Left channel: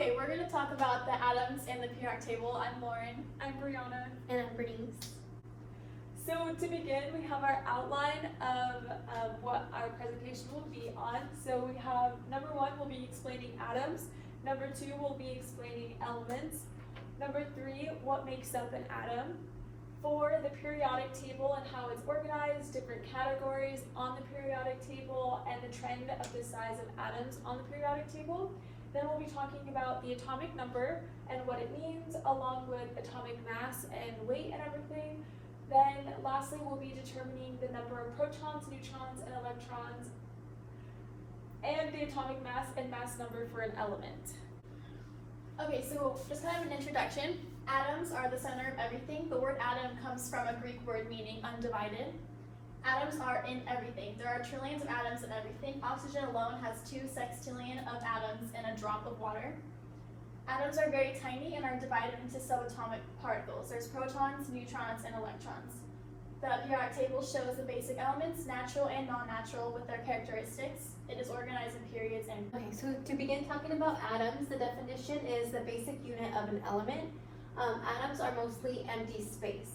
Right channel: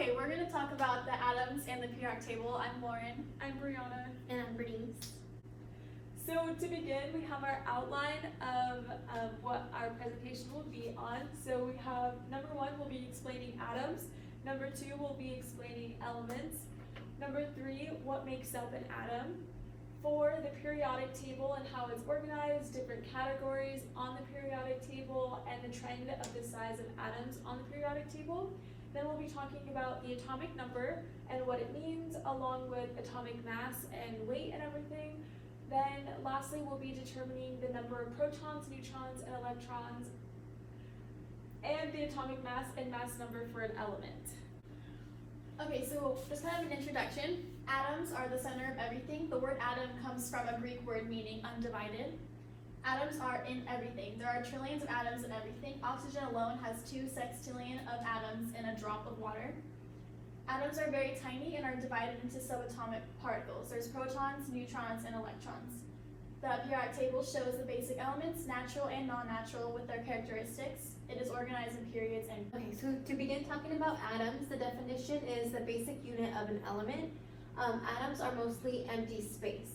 Okay, we're going to talk about the atoms and the periodic table. I'm Lauren. I'm Brianna. And I'm Bernice. So to begin, we have our outline of what our presentation will be on. So we have number 1, we'll be explaining atoms. Number 2, we'll be explaining elements. Number 3, what makes up an atom. 4, the periodic table and how it's organized, different categories on the periodic table, and the trend of the size of atoms on the periodic table. Then we'll be talking about the atomic number and what it means, along with atomic mass and weight and everything. Then lastly, we'll be determining the number of protons, neutrons, and electrons, and the atomic mass and mass number for an element. Okay, so just kind of an introduction. Atoms are the center of everything. The word atom comes from a Greek word meaning undivided. Atoms are in everything. There are trillions of atoms in everything. Oxygen alone has 2 sextillion of atoms in a drop of water. Atoms are very tiny and are divided into subatomic particles. There's protons, neutrons, and electrons. The periodic table shows the basic elements, natural and non-natural, with their characteristics. It is organized in periods and... Okay, so to begin talking about atoms, the definition is the basic unit of an element. Atoms are mostly empty space.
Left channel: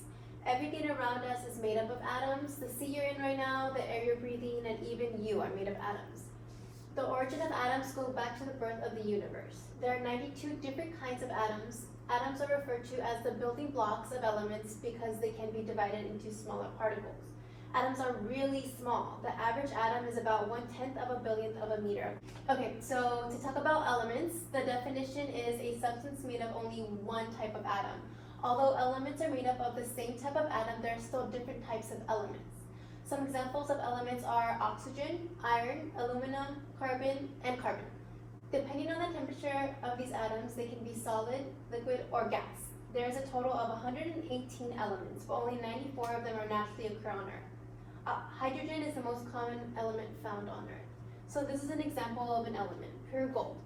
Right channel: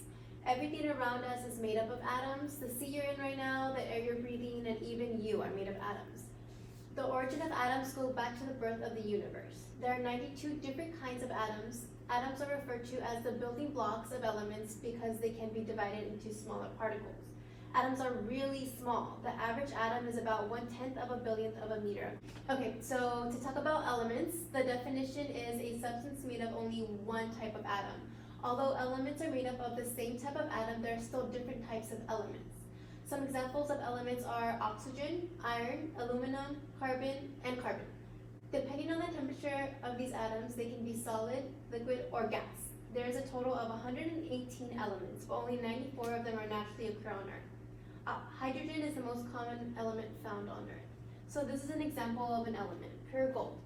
Everything around us is made up of atoms. The sea you're in right now, the air you're breathing, and even you are made of atoms. The origin of atoms goes back to the birth of the universe. There are 92 different kinds of atoms. Atoms are referred to as the building blocks of elements because they can be divided into smaller particles. Atoms are really small. The average atom is about 1/10 of a billionth of a meter. Okay, so to talk about elements, the definition is a substance made of only one type of atom. Although elements are made up of the same type of atom, there are still different types of elements. Some examples of elements are oxygen, iron, aluminum, carbon, and carbon. Depending on the temperature of these atoms, they can be solid, liquid, or gas. There is a total of 118 elements, but only 94 of them are naturally occur on Earth. Hydrogen is the most common element found on Earth. So this is an example of an element, pure gold.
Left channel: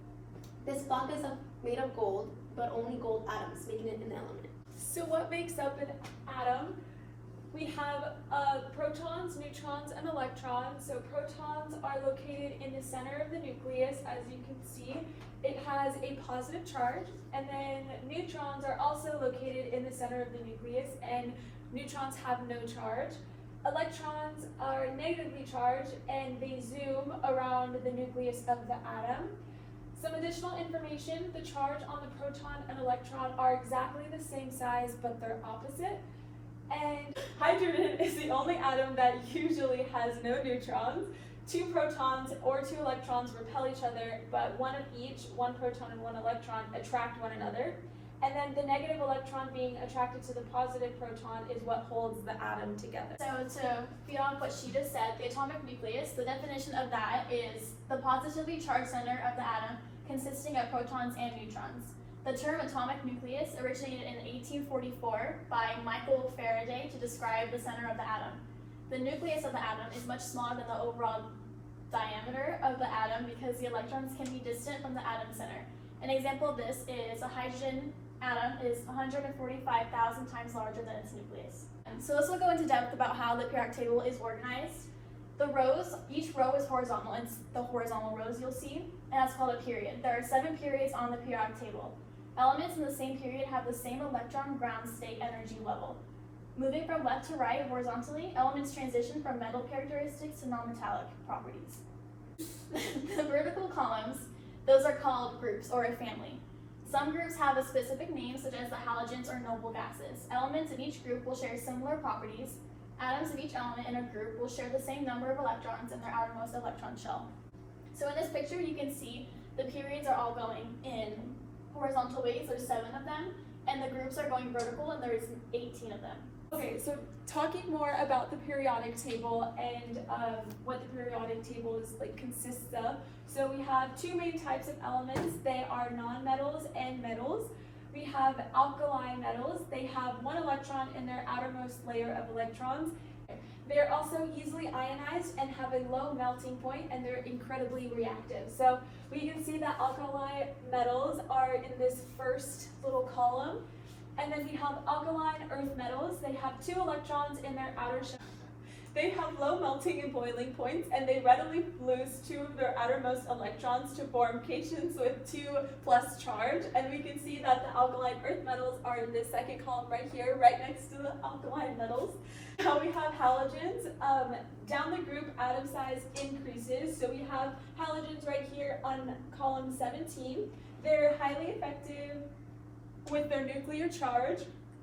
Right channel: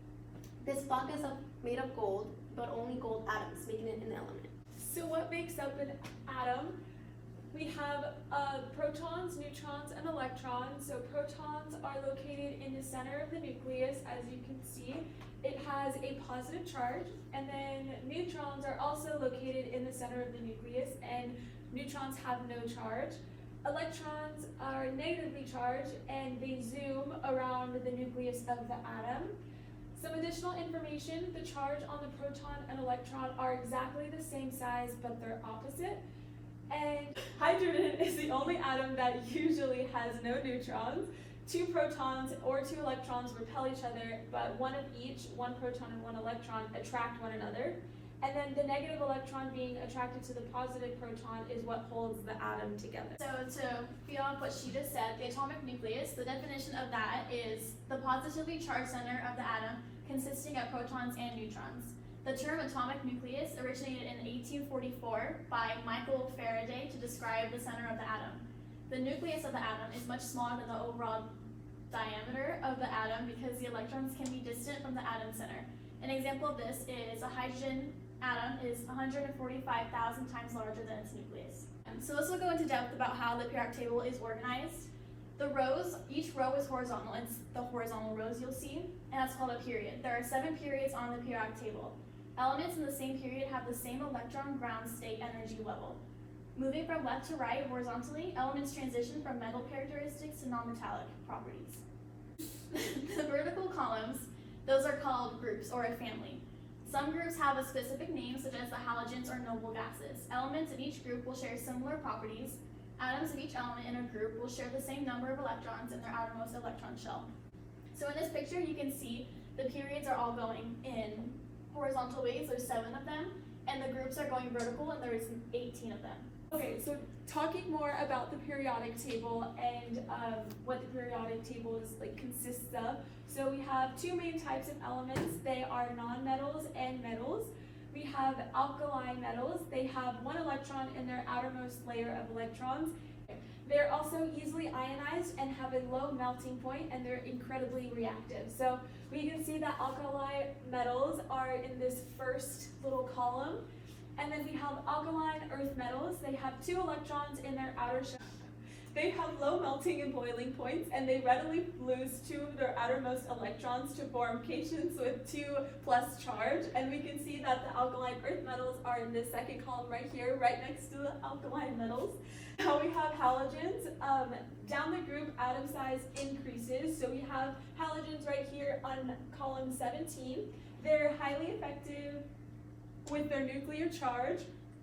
This block is made of gold, but only gold atoms, making it an element. So what makes up an atom? We have protons, neutrons, and electrons. So protons are located in the center of the nucleus, as you can see. It has a positive charge, and then neutrons are also located in the center of the nucleus, and neutrons have no charge. Electrons are negatively charged, and they zoom around the nucleus of the atom. Some additional information: the charge on the proton and electron are exactly the same size, but they're opposite. And hydrogen is the only atom that usually has no neutrons. 2 protons or 2 electrons repel each other, but one of each, 1 proton and 1 electron, attract one another. And then the negative electron being attracted to the positive proton is what holds the atom together. So to beyond what she just said, the atomic nucleus, the definition of that is the positively charged center of the atom consisting of protons and neutrons. The term atomic nucleus originated in 1844 by Michael Faraday to describe the center of the atom. The nucleus of the atom is much smaller than the overall diameter of the atom because the electrons can be distant from the atom center. An example of this is a hydrogen atom is 145,000 times larger than its nucleus. So let's go into depth about how the periodic table is organized. The rows, each row is horizontal. It's the horizontal rows you'll see, and that's called a period. There are 7 periods on the periodic table. Elements in the same period have the same electron ground state energy level. Moving from left to right horizontally, elements transition from metal characteristics to non-metallic properties. The vertical columns, those are called groups or a family. Some groups have a specific name, such as the halogens or noble gases. Elements in each group will share similar properties. Atoms of each element in a group will share the same number of electrons in their outermost electron shell. So in this picture, you can see the periods are all going in horizontal ways. There's 7 of them, and the groups are going vertical, and there's 18 of them. Okay, so talking more about the periodic table and what the periodic table consists of. So we have 2 main types of elements. They are nonmetals and metals. We have alkaline metals. They have 1 electron in their outermost layer of electrons. They're also easily ionized and have a low melting point, and they're incredibly reactive. So we can see that alkali metals are in this first little column. And then we have alkaline earth metals. They have 2 electrons in their outer shell. They have low melting and boiling points, and they readily lose 2 of their outermost electrons to form cations with 2+ charge. And we can see that the alkaline earth metals are in this second column right here, right next to the alkaline metals. Now we have halogens. Down the group, atom size increases. So we have halogens right here on column 17. They're highly effective with their nuclear charge,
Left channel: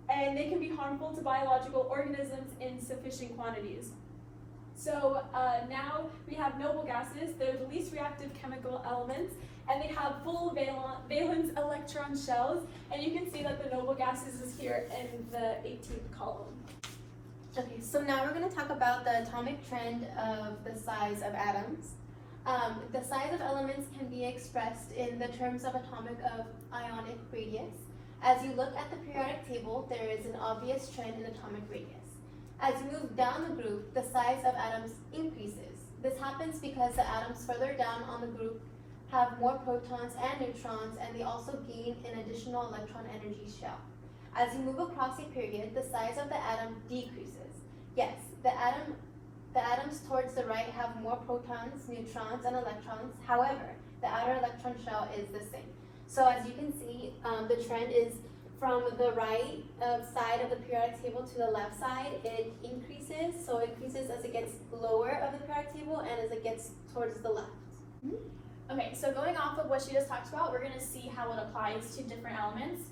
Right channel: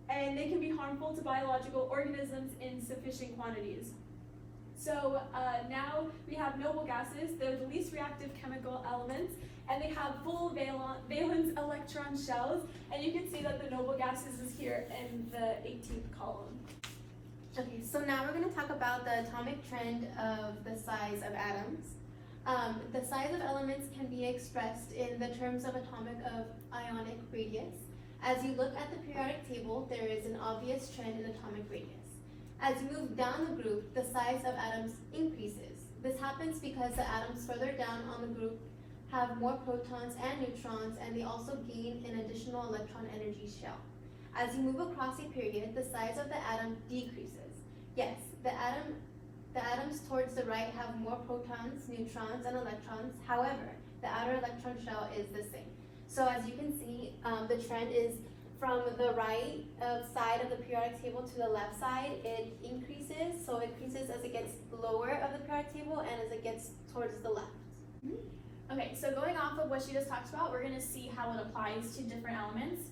and they can be harmful to biological organisms in sufficient quantities. So now we have noble gases. They're the least reactive chemical elements, and they have full valence electron shells. And you can see that the noble gases is here in the 18th column. Okay, so now we're going to talk about the atomic trend of the size of atoms. The size of elements can be expressed in the terms of ionic radius. As you look at the periodic table, there is an obvious trend in atomic radius. As you move down the group, the size of atoms increases. This happens because the atoms further down on the group have more protons and neutrons, and they also gain an additional electron energy shell. As you move across a period, the size of the atom decreases. Yes, the atoms towards the right have more protons, neutrons, and electrons. However, the outer electron shell is the same. So as you can see, the trend is from the right side of the periodic table to the left side. It increases, so it increases as it gets lower of the periodic table and as it gets towards the left. Okay, so going off of what she just talked about, we're going to see how it applies to different elements.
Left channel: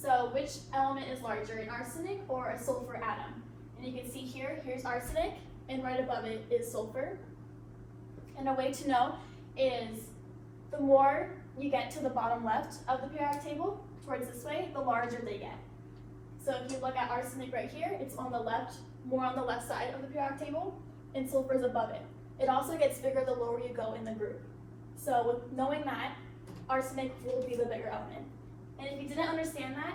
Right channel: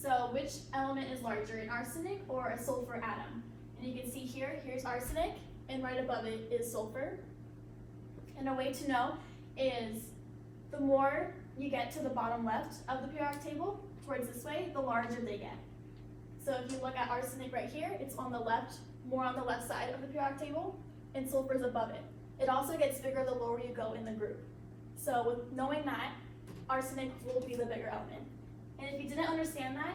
So which element is larger, an arsenic or a sulfur atom? And you can see here, here's arsenic, and right above it is sulfur. And a way to know is the more you get to the bottom left of the periodic table, towards this way, the larger they get. So if you look at arsenic right here, it's on the left, more on the left side of the periodic table, and sulfur is above it. It also gets bigger the lower you go in the group. So with knowing that, arsenic will be the bigger element. And if you didn't understand that,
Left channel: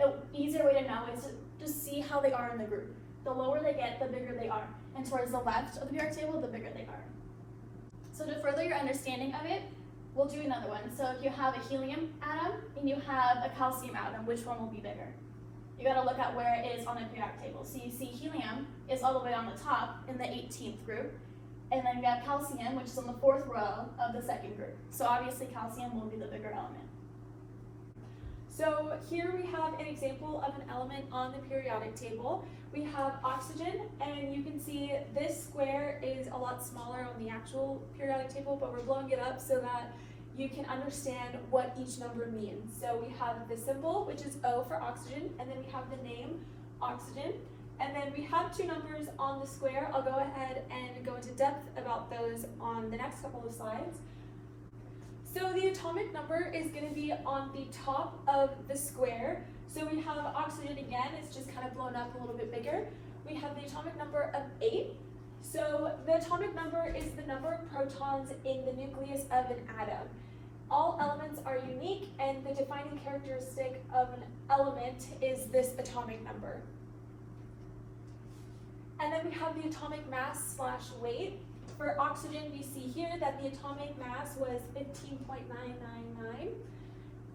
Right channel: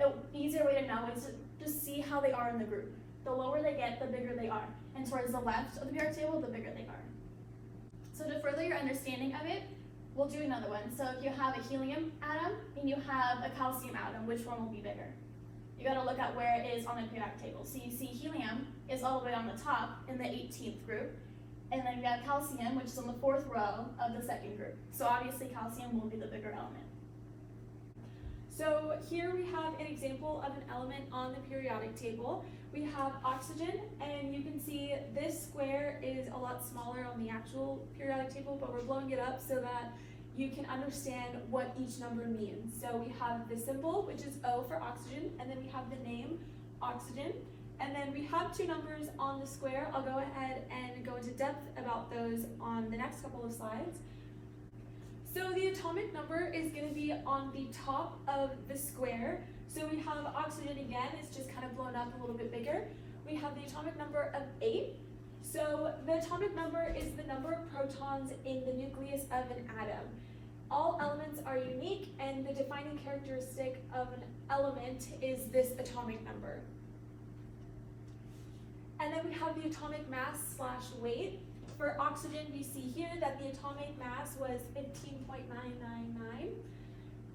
an easier way to know is to just see how they are in the group. The lower they get, the bigger they are. And towards the left of the periodic table, the bigger they are. So to further your understanding of it, we'll do another one. So if you have a helium atom and you have a calcium atom, which one will be bigger? You gotta look at where it is on the periodic table. So you see helium is all the way on the top in the 18th group. And then we have calcium, which is on the 4th row of the 2nd group. So obviously calcium will be the bigger element. So here we have an example of an element on the periodic table. We have oxygen, and you can see this square is a lot smaller on the actual periodic table, but we're blowing it up so that you can understand what each number means. So we have the symbol, which is O for oxygen, and then we have the name, oxygen. And then we have 2 numbers on the square. I'll go ahead and go into depth about those on the next couple of slides. So the atomic number is going to be on the top of the square. So we have oxygen again, it's just kind of blown up a little bit bigger. We have the atomic number of 8. So the atomic number is the number of protons in the nucleus of an atom. All elements are unique, and the defining characteristic of an element is this atomic number. And then we have the atomic mass / weight. For oxygen, we see here that the atomic mass was 15.999.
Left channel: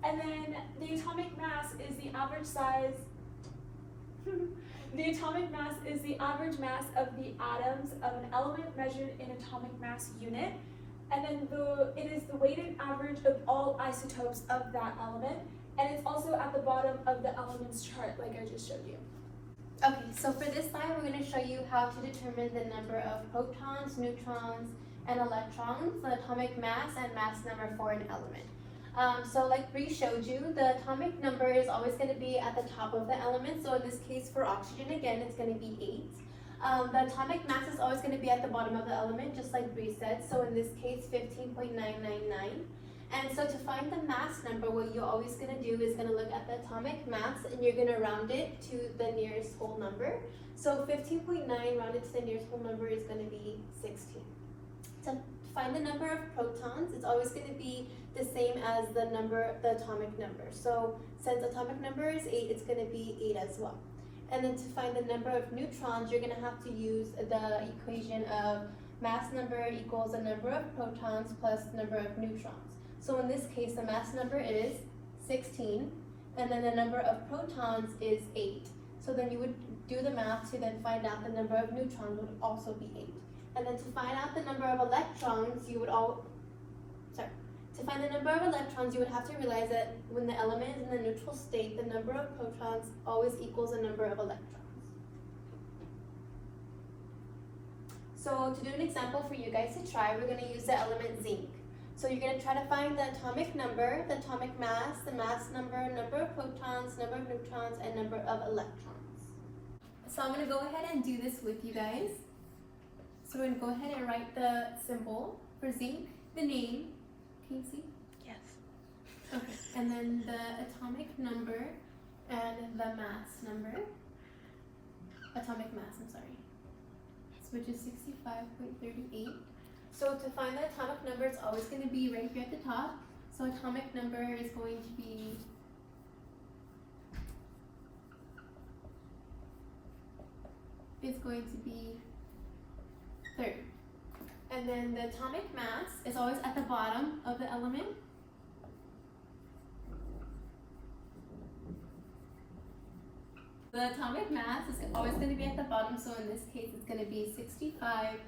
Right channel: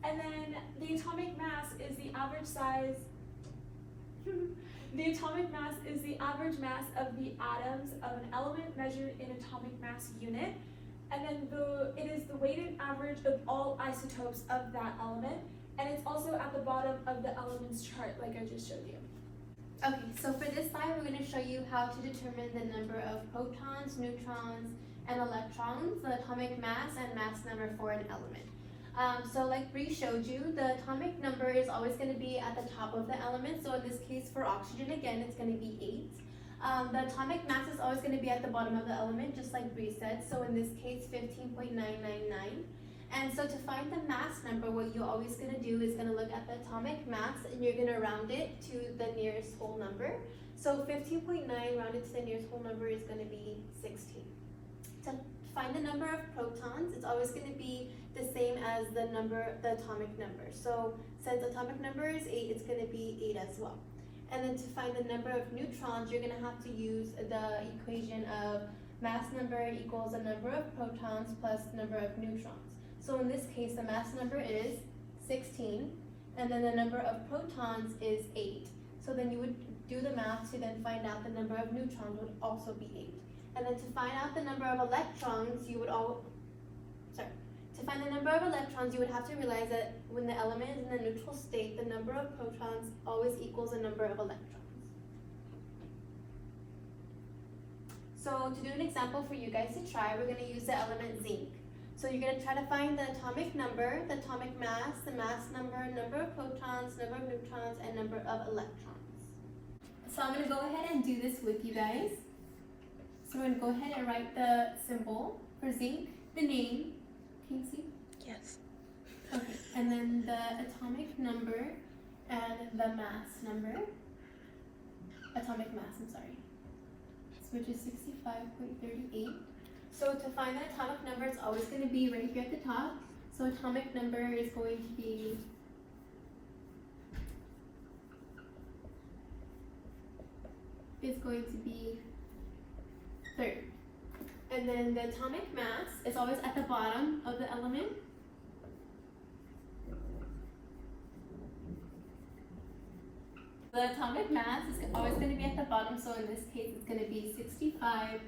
And then the atomic mass is the average size, the atomic mass is the average mass of the atoms of an element measured in atomic mass unit. And then it is the weighted average of all isotopes of that element. And it's also at the bottom of the elements chart, like I just showed you. Okay, so for this slide, we're going to show you how to determine the number of protons, neutrons, and electrons, the atomic mass, and mass number for an element. So like Bree showed you, the atomic number is always going to be at the top of the element. So in this case, for oxygen, again, it's going to be 8. The atomic mass is always going to be at the bottom of the element, just like Bree said. So in this case, 15.999. And so to find the mass number, what you're always going to do is going to look at the atomic mass, and you're going to round it to the nearest whole number. So 15.9 rounded to the nearest whole number is going to be 16. To find the number of protons, it's always going to be the same as the atomic number. So since atomic number is 8, it's going to be 8 as well. And then to find the number of neutrons, you're going to have to use the equation of mass number equals the number of protons plus the number of neutrons. So in this case, the mass number is 16, and then the number of protons is 8. So then you would do the math to then find out the number of neutrons would also be 8. And then to find out the number of electrons, you would to find the number of electrons, you would have to realize that when the element is in the neutral state, the number of protons always equals the number of electrons. So to do an example for you guys to try, we're going to use the element zinc. So you're going to try to find the atomic number, the atomic mass, the mass number, number of protons, number of neutrons, and number of electrons. So I'm going to go ahead and do this with you guys. So we're going to go ahead and write the symbol for zinc, the name. Can you see? Yes. Okay, and then the atomic number and the mass number. Atomic mass, I'm sorry. Which is 65.38. So to find the atomic number, it's always going to be right here at the top. So atomic number is going to be is going to be 30. And then the atomic mass is always at the bottom of the element. The atomic mass is always going to be at the bottom, so in this case it's going to be 65.38.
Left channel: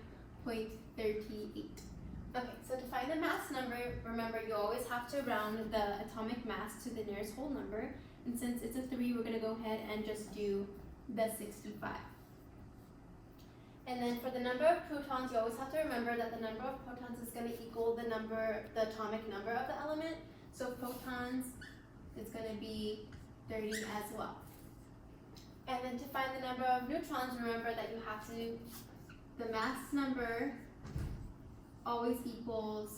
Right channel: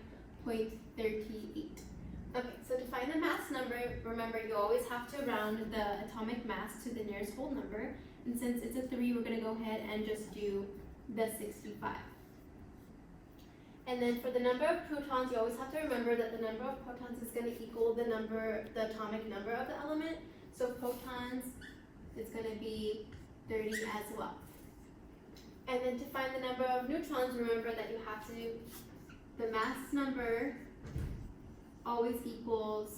Okay, so to find the mass number, remember you always have to round the atomic mass to the nearest whole number. And since it's a 3, we're going to go ahead and just do the 65. And then for the number of protons, you always have to remember that the number of protons is going to equal the atomic number of the element. So protons is going to be 30 as well. And then to find the number of neutrons, remember that you have to, the mass number always equals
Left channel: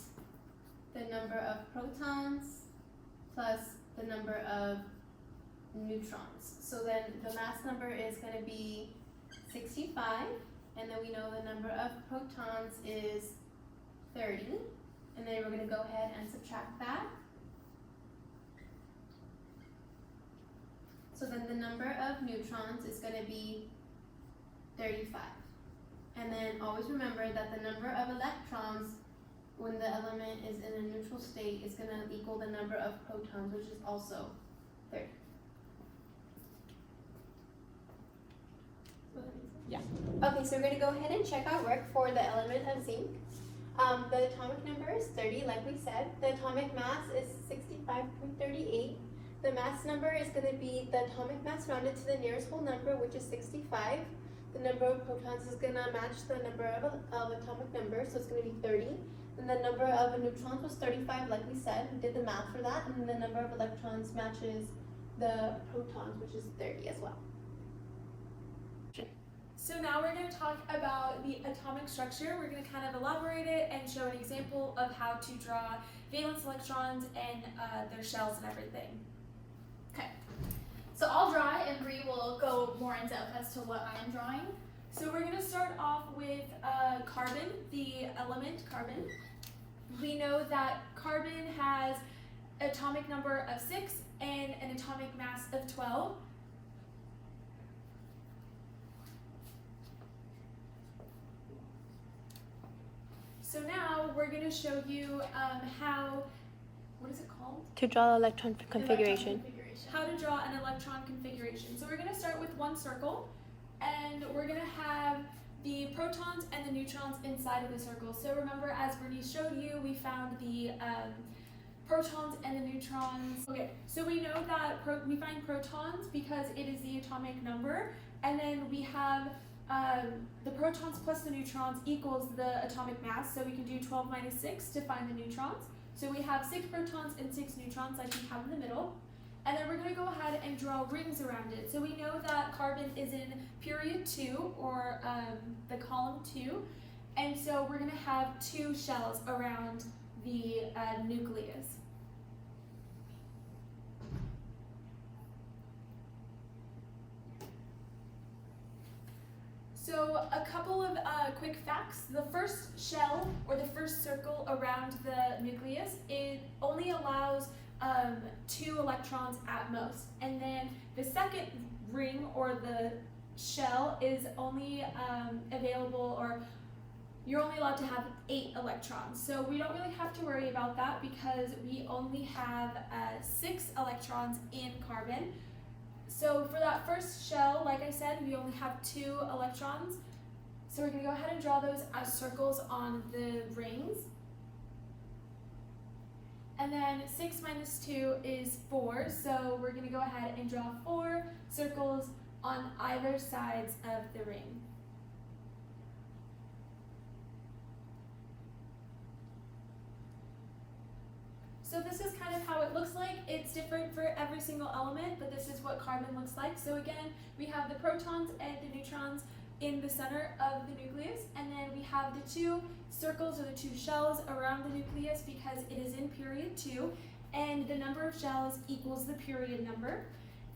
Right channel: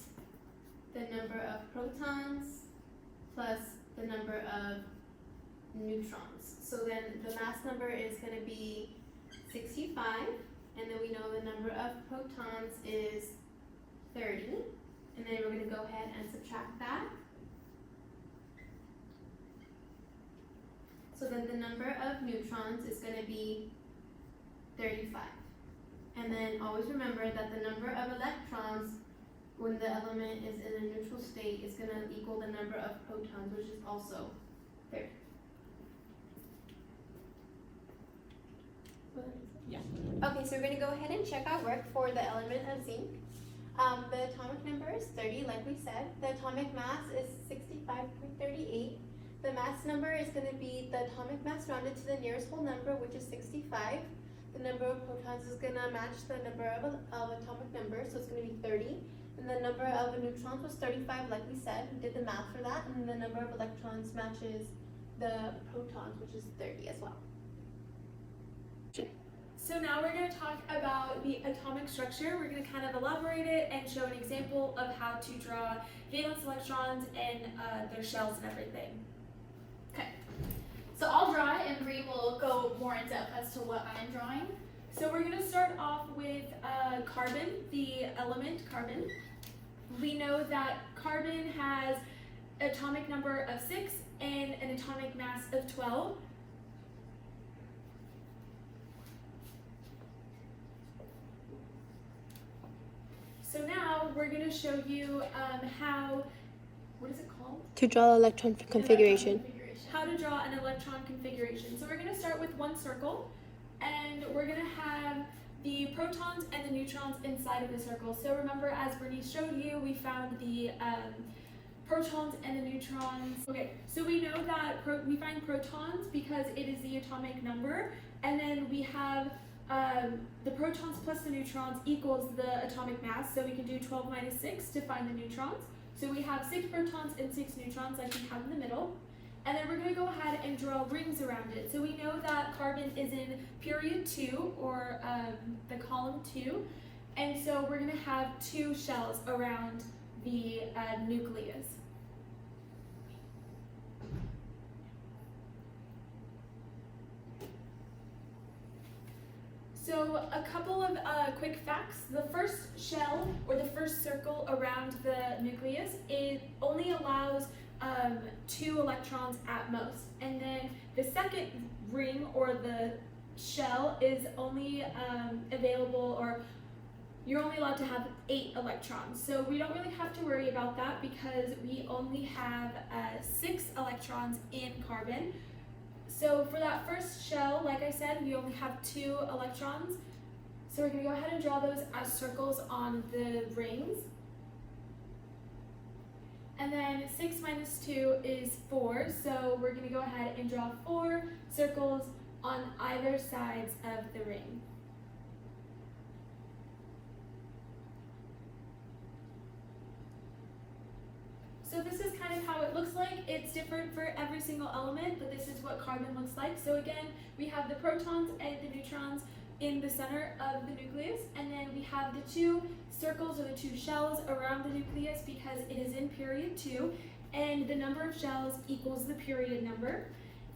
the number of protons plus the number of neutrons. So then the mass number is going to be 65, and then we know the number of protons is 30, and then we're going to go ahead and subtract that. So then the number of neutrons is going to be 35. And then always remember that the number of electrons when the element is in a neutral state is going to equal the number of protons, which is also 30. Yeah. Okay, so we're going to go ahead and check our work for the element of zinc. The atomic number is 30, like we said. The atomic mass is 65.38. The mass number is going to be the atomic mass rounded to the nearest whole number, which is 65. The number of protons is going to match the number of atomic numbers, so it's going to be 30. And the number of neutrons was 35, like we said. We did the math for that. And then the number of electrons matches the protons, which is 30 as well. So now we're going to talk about the atomic structure. We're going to kind of elaborate it and show an example of how to draw valence electrons and their shells and everything. Okay, so I'll draw it and Bree will go more in depth as to what I'm drawing. So we're going to start off with carbon, the element carbon. We know that carbon has an atomic number of 6 and an atomic mass of 12. So now we're going to show you how, what is it called? To draw the electron configuration. How to draw an electron configuration. So we're going to start with one circle, and we're going to have the protons and the neutrons inside of the circle. So remember, as Bernice showed you, we found the protons and the neutrons. Okay, so we know that we find protons because it is the atomic number, and then we have the protons plus the neutrons equals the atomic mass, so we can do 12 minus 6 to find the neutrons. So we have 6 protons and 6 neutrons, like we have in the middle. And then we're going to go ahead and draw rings around it. So we know that carbon is in period 2, or the column 2. And so we're going to have 2 shells around the nucleus. So a couple of quick facts. The first shell, or the first circle around the nucleus, it only allows 2 electrons at most. And then the second ring, or the shell, is only available, or you're only allowed to have 8 electrons. So we don't really have to worry about that because we only have 6 electrons in carbon. So for that first shell, like I said, we only have 2 electrons. So we're going to go ahead and draw those as circles on the rings. And then 6 minus 2 is 4, so we're going to go ahead and draw 4 circles on either sides of the ring. So this is kind of how it looks like. It's different for every single element, but this is what carbon looks like. So again, we have the protons and the neutrons in the center of the nucleus, and then we have the 2 circles or the 2 shells around the nucleus because it is in period 2, and the number of shells equals the period number.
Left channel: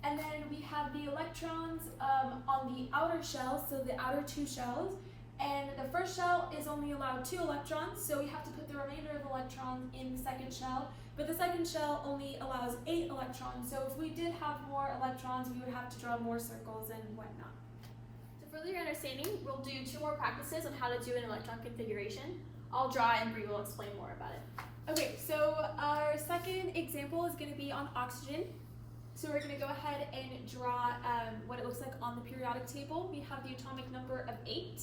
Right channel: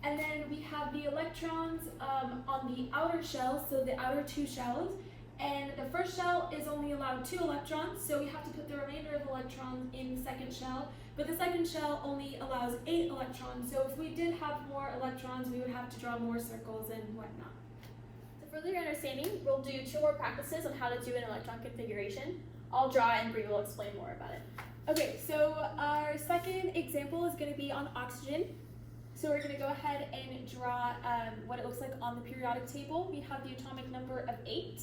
And then we have the electrons on the outer shell, so the outer 2 shells, and the first shell is only allowed 2 electrons, so we have to put the remainder of electrons in the second shell, but the second shell only allows 8 electrons, so if we did have more electrons, we would have to draw more circles and whatnot. To further your understanding, we'll do 2 more practices on how to do an electron configuration. I'll draw and Bree will explain more about it. Okay, so our second example is going to be on oxygen. So we're going to go ahead and draw what it looks like on the periodic table. We have the atomic number of 8.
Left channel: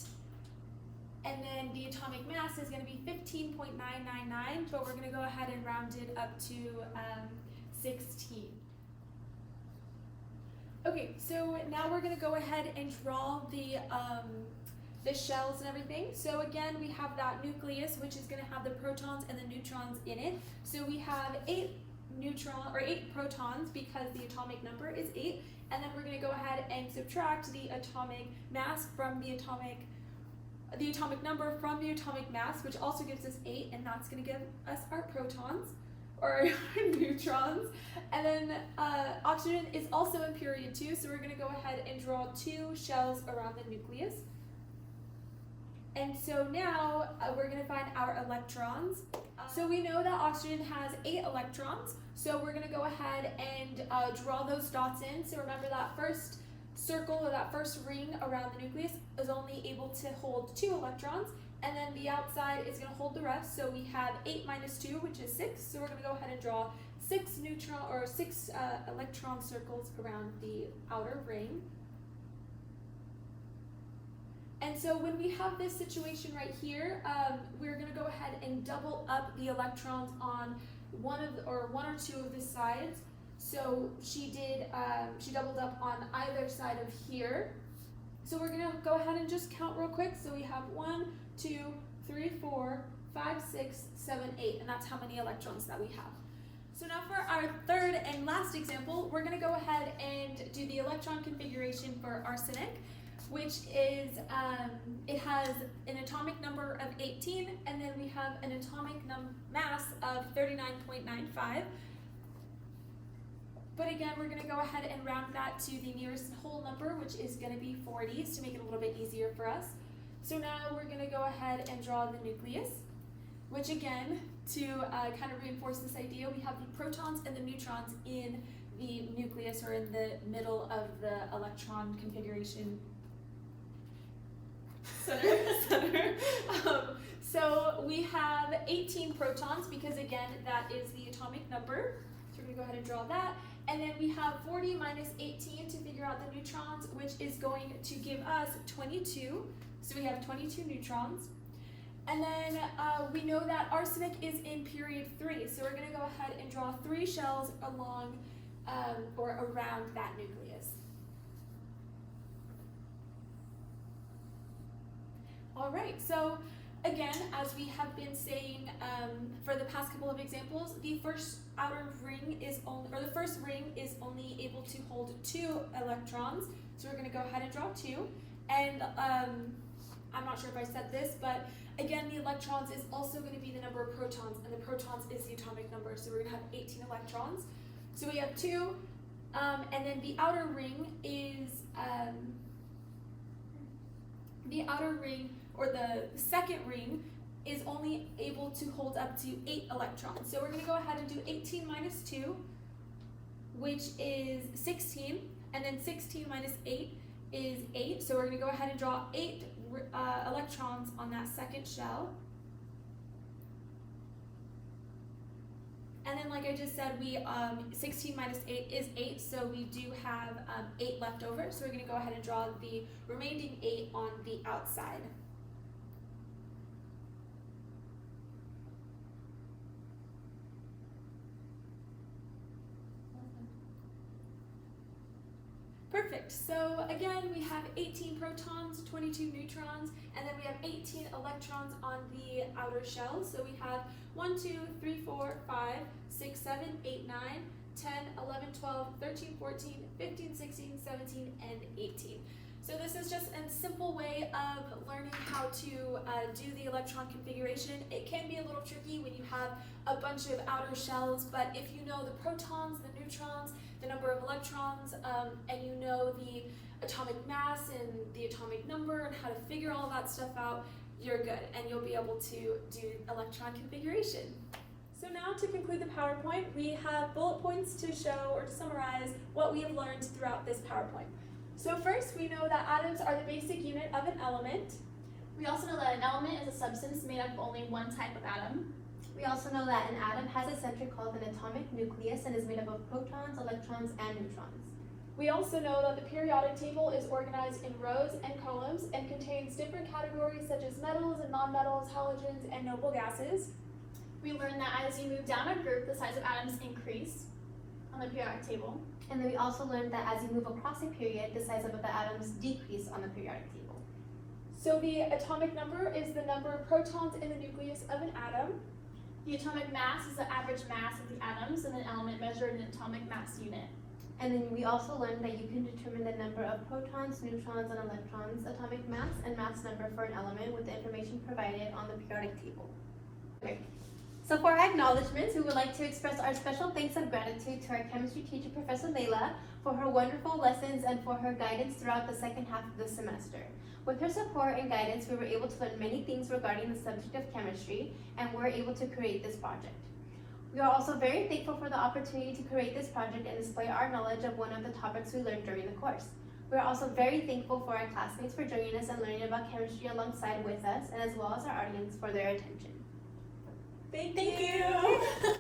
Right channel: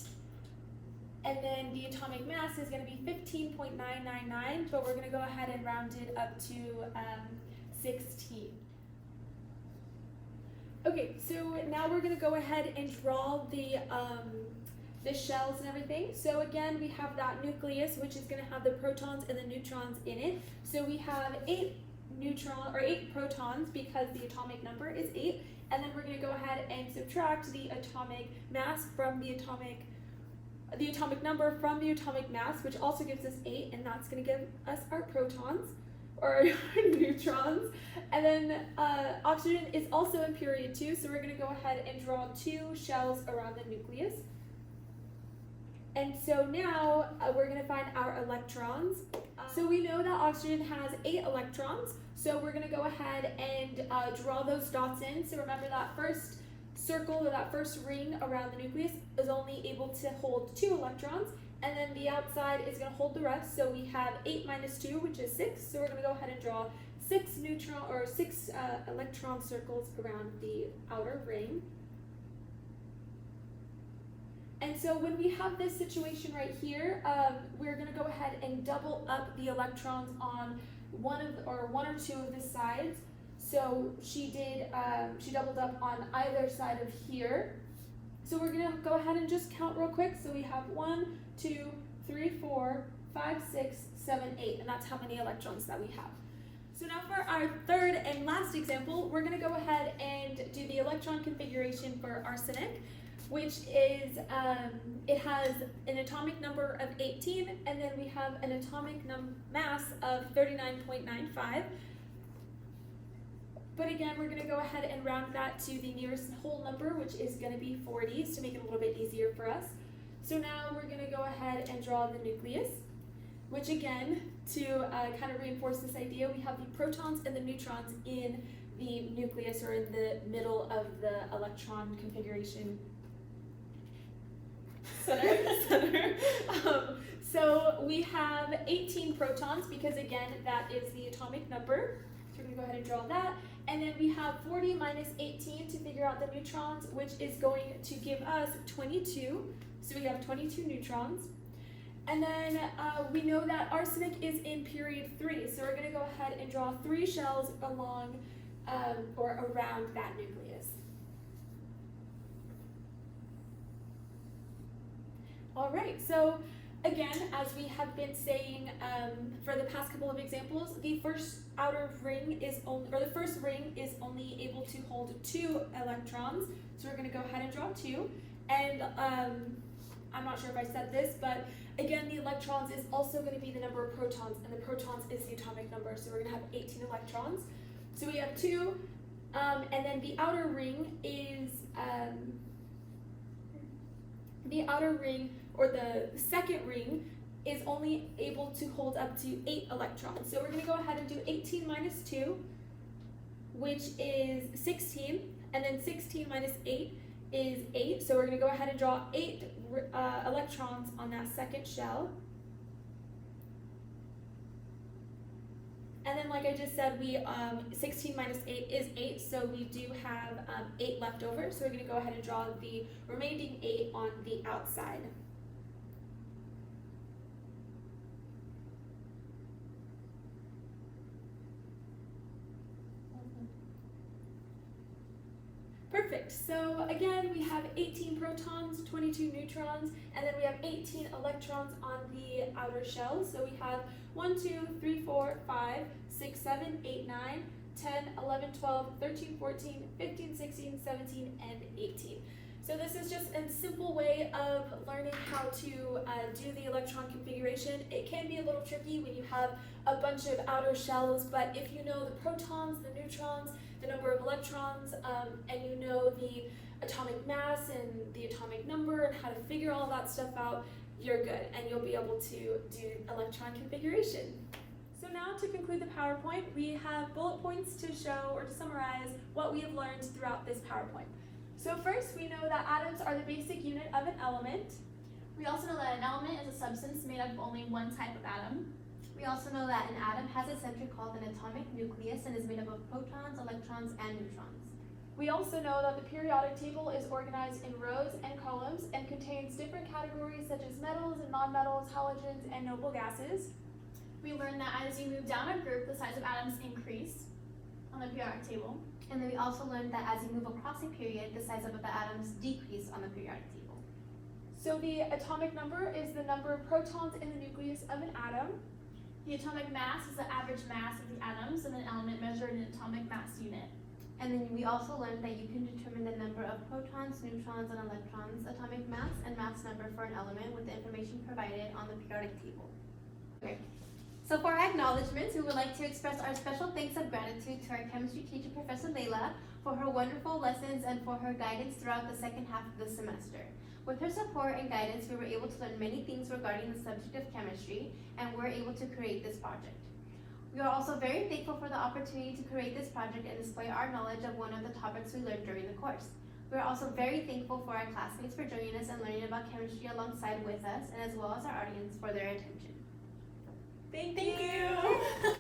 And then the atomic mass is going to be 15.999, but we're going to go ahead and round it up to 16. Okay, so now we're going to go ahead and draw the shells and everything. So again, we have that nucleus, which is going to have the protons and the neutrons in it. So we have 8 protons because the atomic number is 8, and then we're going to go ahead and subtract the atomic mass from the atomic number from the atomic mass, which also gives us 8, and that's going to give us our protons or neutrons. And then oxygen is also in period 2, so we're going to go ahead and draw 2 shells around the nucleus. And so now we're going to find our electrons. So we know that oxygen has 8 electrons, so we're going to go ahead and draw those dots in. So remember that first circle or that first ring around the nucleus is only able to hold 2 electrons, and then the outside is going to hold the rest. So we have 8 minus 2, which is 6. So we're going to go ahead and draw 6 electron circles around the outer ring. And so when we have this situation right here, we're going to go ahead and double up the electrons on one or two of the sides. So she doubled up on either side of here. So we're going to go ahead and just count real quick. So we have 1, 2, 3, 4, 5, 6, 7, 8, and that's how many electrons that we have. So now for our third and last example, we're going to go ahead and do the electron configuration for arsenic, which is, it has an atomic number of 18, and then we have an atomic mass of 39.95. But again, we're going to go ahead and round that to the nearest whole number, which is going to be 40s to make it a little bit easier for us. So now we're going to go ahead and draw the nucleus, which again, to kind of reinforce this idea, we have the protons and the neutrons in the nucleus, or in the middle of the electron configuration center. So we have 18 protons because again, that is the atomic number. So we're going to go ahead and draw that. And then we have 40 minus 18 to figure out the neutrons, which is going to give us 22. So we have 22 neutrons. And then we know that arsenic is in period 3. So we're going to go ahead and draw 3 shells along or around that nucleus. All right, so again, as we have been saying for the past couple of examples, the first ring is only able to hold 2 electrons. So we're going to go ahead and draw 2. And I'm not sure if I said this, but again, the electrons is also going to be the number of protons, and the protons is the atomic number. So we're going to have 18 electrons. So we have 2, and then the outer ring is or the second ring is only able to hold up to 8 electrons. So we're going to go ahead and do 18 minus 2, which is 16, and then 16 minus 8 is 8. So we're going to go ahead and draw 8 electrons on that second shell. And then, like I just said, we 16 minus 8 is 8, so we do have 8 left over. So we're going to go ahead and draw the remaining 8 on the outside. Perfect. So again, we have 18 protons, 22 neutrons, and then we have 18 electrons on the outer shell. So we have 1, 2, 3, 4, 5, 6, 7, 8, 9, 10, 11, 12, 13, 14, 15, 16, 17, and 18. So this is just a simple way of learning how to do the electron configuration. It can be a little tricky when you have a bunch of outer shells, but if you know the protons, the neutrons, the number of electrons, and you know the atomic mass and the atomic number and how to figure all that stuff out, you're good and you'll be able to do electron configuration. So now to conclude the PowerPoint, we have bullet points to show or to summarize what we have learned throughout this PowerPoint. So first, we know that atoms are the basic unit of an element. We also know that an element is a substance made up of only one type of atom. We also know that an atom has a center called an atomic nucleus and is made up of protons, electrons, and neutrons. We also know that the periodic table is organized in rows and columns and contains different categories such as metals and nonmetals, halogens, and noble gases. We learned that as you move down a group, the size of atoms increase on the periodic table. And then we also learned that as you move across a period, the size of the atoms decrease on the periodic table. So the atomic number is the number of protons in the nucleus of an atom. The atomic mass is the average mass of the atoms in an element measured in an atomic mass unit. And then we also learned that you can determine the number of protons, neutrons, and electrons, atomic mass, and mass number for an element with the information provided on the periodic table. Okay. So for our acknowledgements, we would like to express our special thanks and gratitude to our chemistry teacher, Professor Leila, for her wonderful lessons and for her guidance throughout the second half of the semester. With her support and guidance, we were able to learn many things regarding the subject of chemistry and were able to create this project. We are also very thankful for the opportunity to create this project and display our knowledge of one of the topics we learned during the course. We are also very thankful for our classmates for joining us and learning about chemistry alongside with us, and as well as our audience for their attention. Thank you.